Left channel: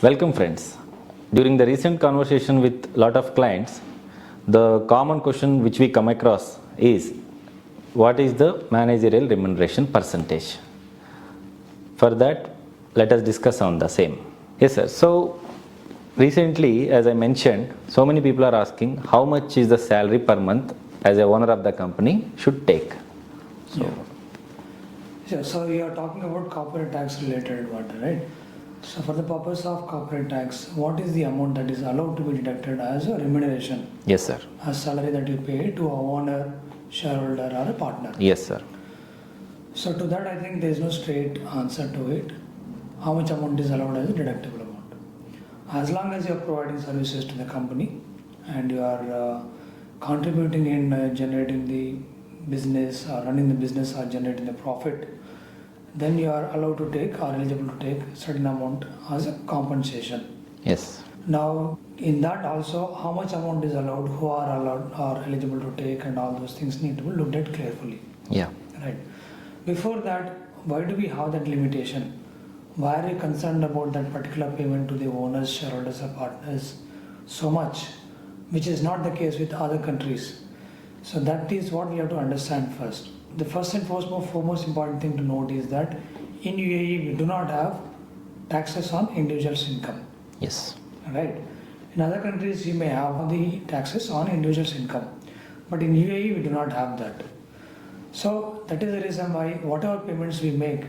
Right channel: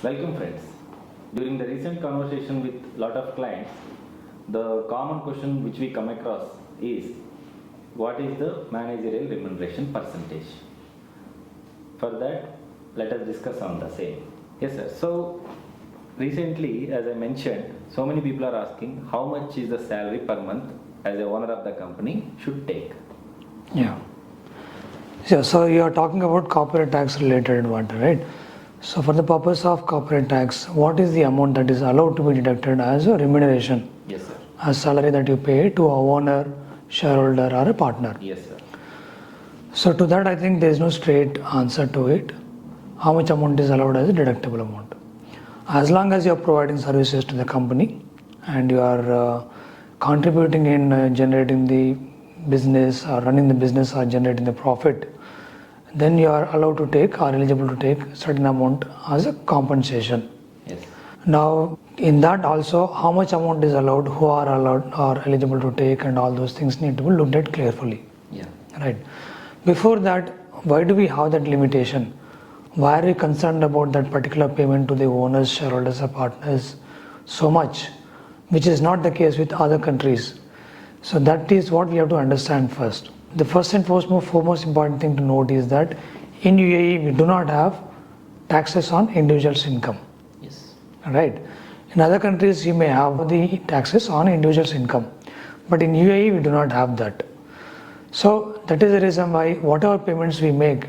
Welcome friends. During the recent conversation with a lot of clients, the common question which we come across is what is the managerial remuneration percentage? For that, let us discuss on the same. Yes sir. So recently, as I mentioned, so many people are asking how much is the salary per month as a owner of the company should take. So you are talking about corporate tax related matter, right? So for the purpose of corporate tax, what is the amount that is allowed to be deducted as a remuneration? Yes sir. A salary that you pay to a owner, shareholder or a partner? Yes sir. So to that I think there is no straight answer to it. How much amount is allowed as a deductible amount? As long as you are providing services to the company and you are contributing in generating the business or running the business or generating the profit, then you are allowed to take or eligible to take certain amount as a compensation. Yes. Now in that also how much amount is allowed, who are allowed or eligible to take, and all those things need to be looked at carefully. Yeah. Right. Before that, why do we have that limitation? Why are we concerned about that particular payment to the owners, shareholders or partners so much, which is not the case with other countries? So that is what we have to understand first. The first and foremost important thing to note is that in UAE we do not have taxes on individuals' income. Yes. Right. In other countries you may have the taxes on individuals' income, but in UAE we do not have that. So that is the reason why whatever payments we make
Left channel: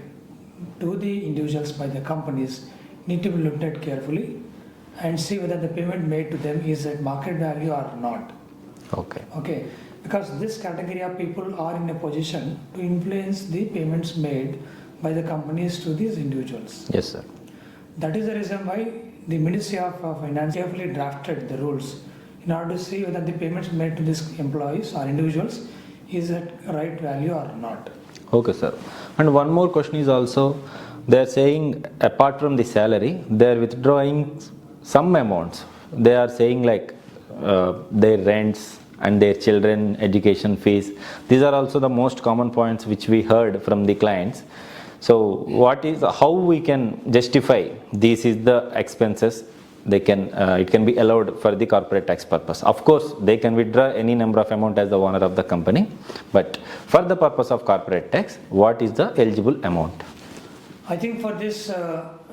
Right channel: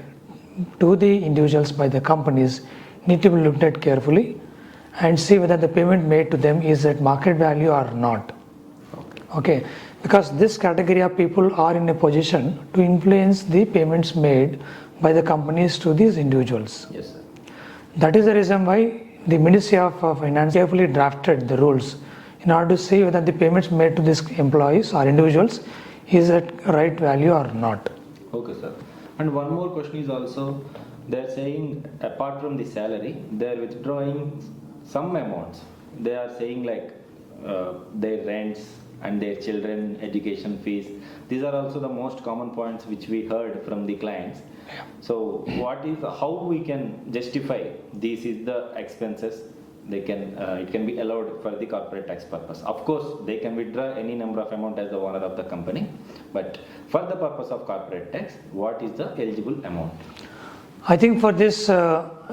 to the individuals by the companies need to be looked at carefully and see whether the payment made to them is at market value or not. Okay. Because this category of people are in a position to influence the payments made by the companies to these individuals. Yes sir. That is the reason why the Ministry of Finance carefully drafted the rules in order to see whether the payments made to these employees or individuals is at right value or not. Okay sir. And one more question is also, they are saying apart from the salary, they are withdrawing some amounts. They are saying like their rents and their children education fees. These are also the most common points which we heard from the clients. So how we can justify this is the expenses they can it can be allowed for the corporate tax purpose. Of course they can withdraw any number of amount as the owner of the company, but for the purpose of corporate tax, what is the eligible amount? I think for this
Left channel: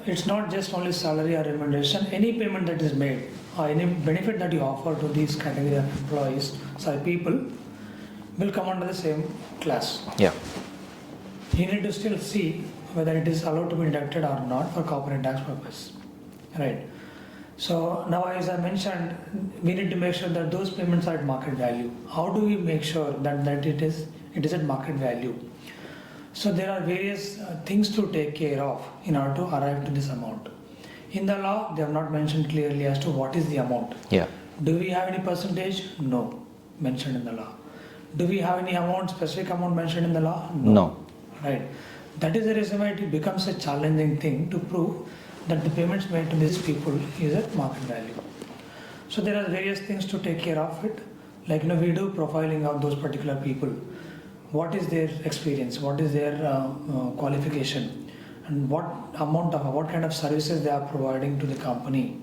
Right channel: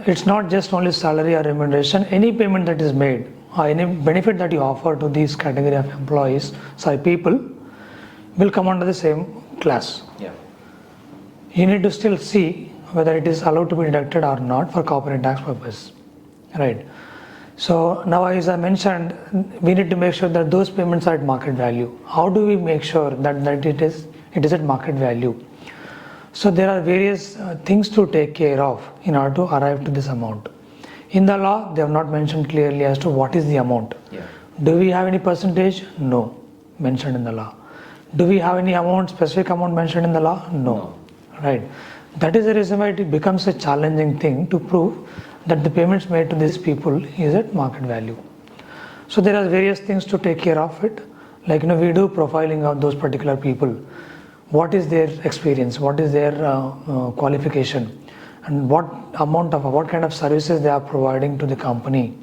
it's not just only salary or remuneration. Any payment that is made or any benefit that you offer to these category of people will come under the same class. Yeah. You need to still see whether it is allowed to be deducted or not for corporate tax purpose. Right. So now, as I mentioned, we need to make sure that those payments are at market value. How do we make sure that it is at market value? So there are various things to take care of in order to arrive to this amount. In the law, they have not mentioned clearly as to what is the amount. Yeah. Do we have any percentage? No, mentioned in the law. Do we have any amount, specific amount mentioned in the law? No. Right. That is the reason why it becomes a challenging thing to prove that the payments made to these people is at market value. So there are various things to take care of it. Like we do profiling of those particular people. What is their experience? What is their qualification? And what kind of services they are providing to the company?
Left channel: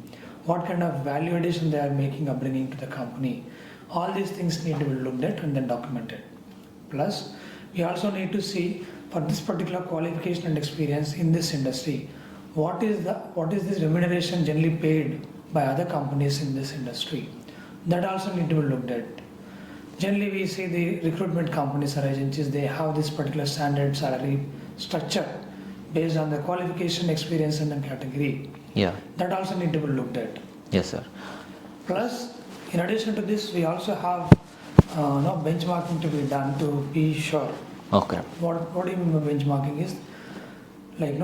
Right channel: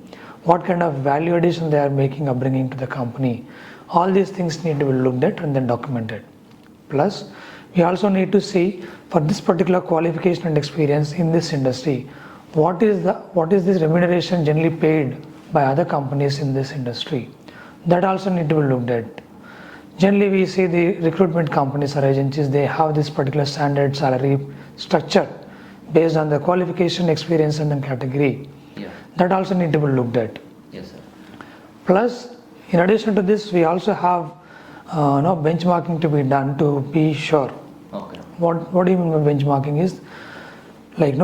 What kind of value addition they are making or bringing to the company? All these things need to be looked at and then documented. Plus, we also need to see for this particular qualification and experience in this industry, what is this remuneration generally paid by other companies in this industry? That also need to be looked at. Generally, we see the recruitment companies or agencies, they have this particular standard salary structure based on the qualification, experience and the category. Yeah. That also need to be looked at. Yes sir. Plus, in addition to this, we also have benchmarking to be done to be sure. Okay. What do you mean by benchmarking is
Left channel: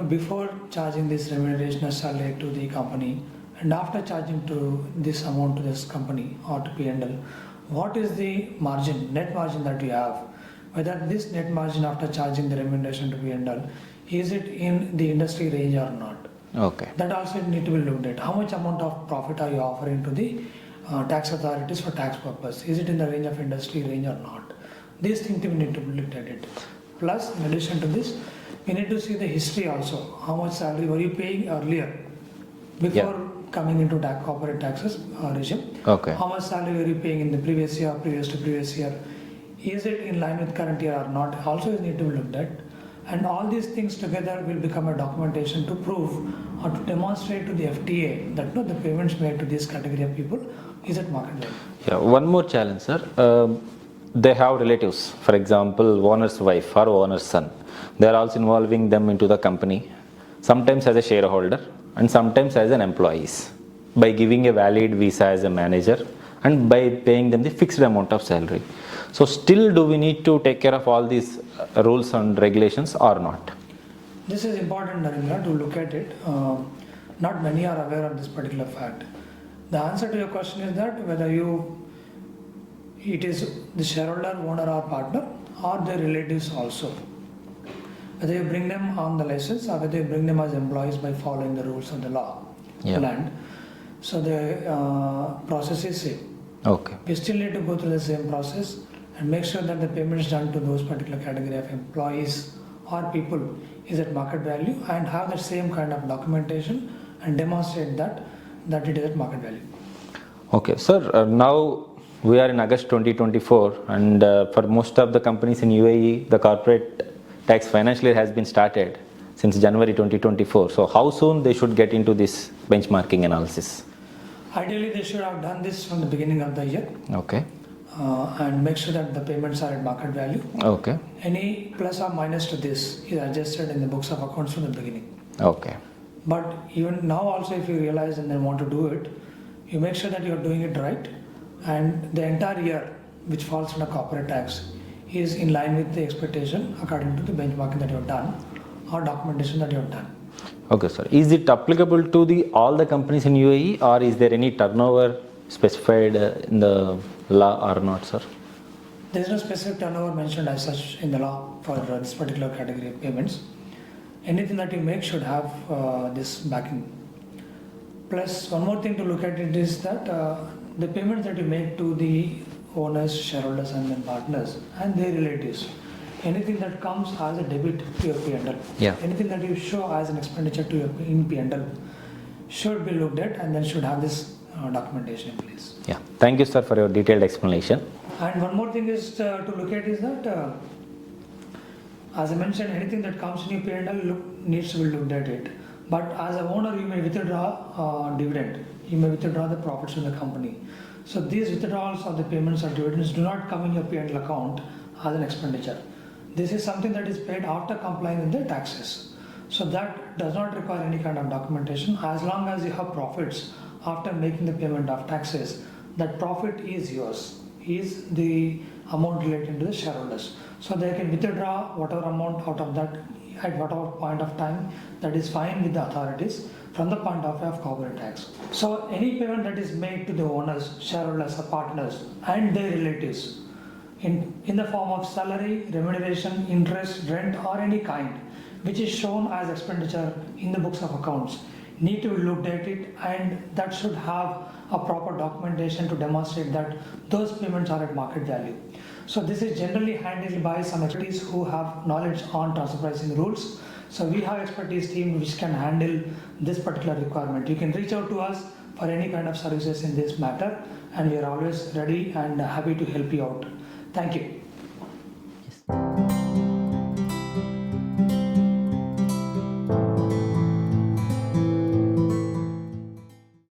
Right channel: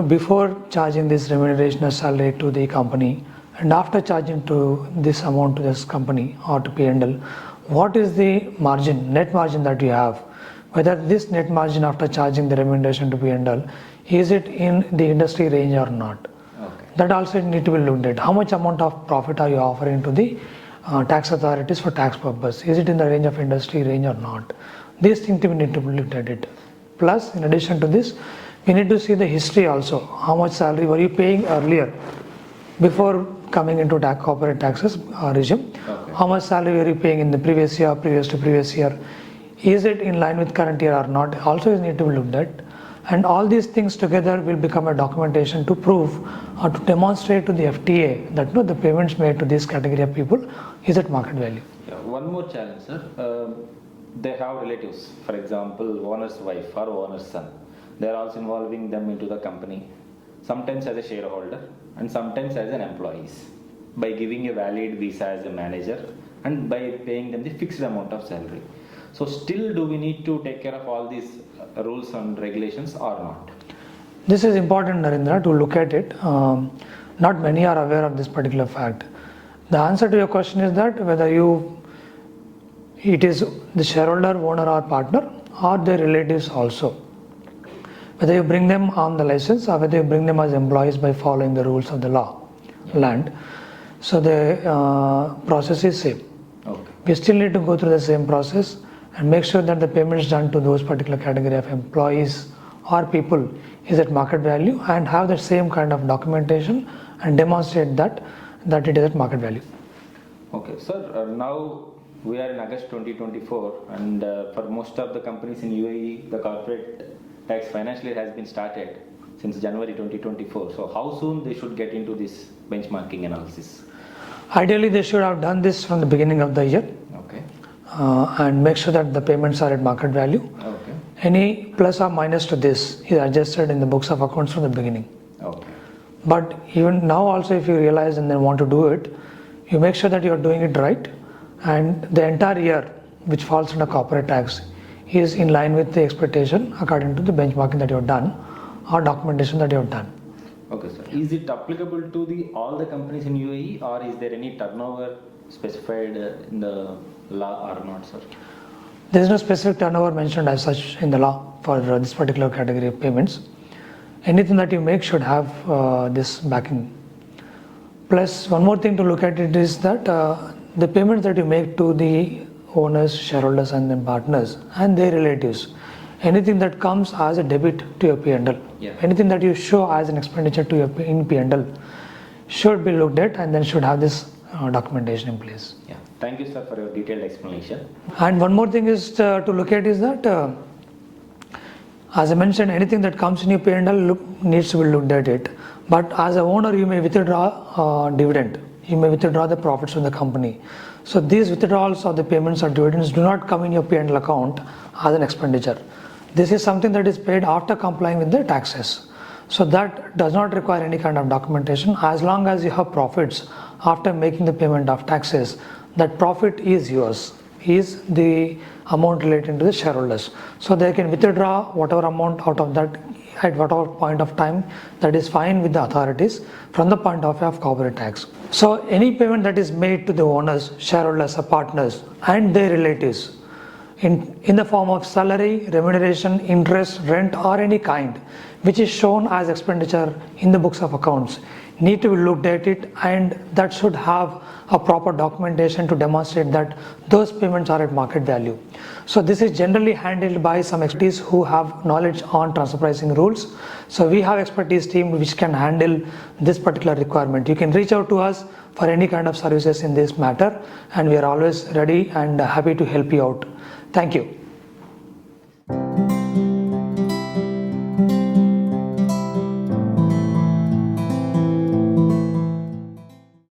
before charging this remuneration or salary to the company and after charging to this amount to this company or to P&L, what is the net margin that you have? Whether this net margin after charging the remuneration to P&L, is it in the industry range or not? Okay. That also need to be looked at. How much amount of profit are you offering to the tax authorities for tax purpose? Is it in the range of industry range or not? These things we need to be looked at it. Plus, in addition to this, we need to see the history also. How much salary were you paying earlier before coming into corporate taxes regime? Okay. How much salary were you paying in the previous year, previous to previous year? Is it in line with current year or not? Also, you need to look at. And all these things together will become a documentation to prove or to demonstrate to the FTA that no, the payments made to this category of people is at market value. Yeah, one more challenge, sir. They have relatives, for example, owner's wife or owner's son. They are also involving them into the company, sometimes as a shareholder and sometimes as an employees, by giving a valid visa as a manager and by paying them the fixed amount of salary. So still, do we need to take care of all these rules and regulations or not? This is important, Narendra, to look at it. Not many are aware of this particular fact. The answer to your question is that whether it is the shareholder, owner or partner or their relatives also. Whether you bring them on the license or whether you bring them as employees by following the rules of the law, land. So the process is same. Okay. We still need to go through the same process and make sure that the payments done to those particular category of employees or people is at market value and have the same kind of documentation and demonstrate that it is at market value. Okay, sir. Now we are in August 2024 and for most of the companies in UAE, the corporate tax financial year has been started since January 2024. So how soon they should get into this benchmarking analysis? Ideally, they should have done this from the beginning of the year. Okay. And make sure that the payments are at market value. Okay. Any plus or minus to this is adjusted in the books of accounts from the beginning. Okay. But even now also, if you realize and then want to do it, you make sure that you are doing it right and the entire year which falls under corporate tax is in line with the expectation according to the benchmarking that you have done or documentation that you have done. Okay, sir. Is it applicable to all the companies in UAE or is there any turnover specified in the law or not, sir? There is no specific turnover mentioned as such in the law for this particular category of payments. Anything that you make should have this backing. Plus, one more thing to look at it is that the payments that you make to the owners, shareholders and then partners and their relatives, anything that comes as a debit to your P&L, anything that you show as an expenditure to your in P&L should be looked at and then should have this documentation in place. Yeah. Thank you, sir, for your detailed explanation. And one more thing is to look at is that as I mentioned, anything that comes in your P&L needs to be looked at it. But as an owner, you may withdraw dividend. You may withdraw the profits from the company. So these withdrawals of the payments or dividends do not come in your P&L account as an expenditure. This is something that is paid after complying with the taxes. So that does not require any kind of documentation. As long as you have profits after making the payment of taxes, that profit is yours, is the amount related to the shareholders. So they can withdraw whatever amount out of that at whatever point of time that is fine with the authorities from the point of view of corporate tax. So any payment that is made to the owners, shareholders or partners and their relatives in the form of salary, remuneration, interest, rent or any kind which is shown as expenditure in the books of accounts need to be looked at it and that should have a proper documentation to demonstrate that those payments are at market value. So this is generally handled by some expertise who have knowledge on transfer pricing rules. So we have expertise team which can handle this particular requirement. You can reach out to us for any kind of services in this matter and we are always ready and happy to help you out. Thank you.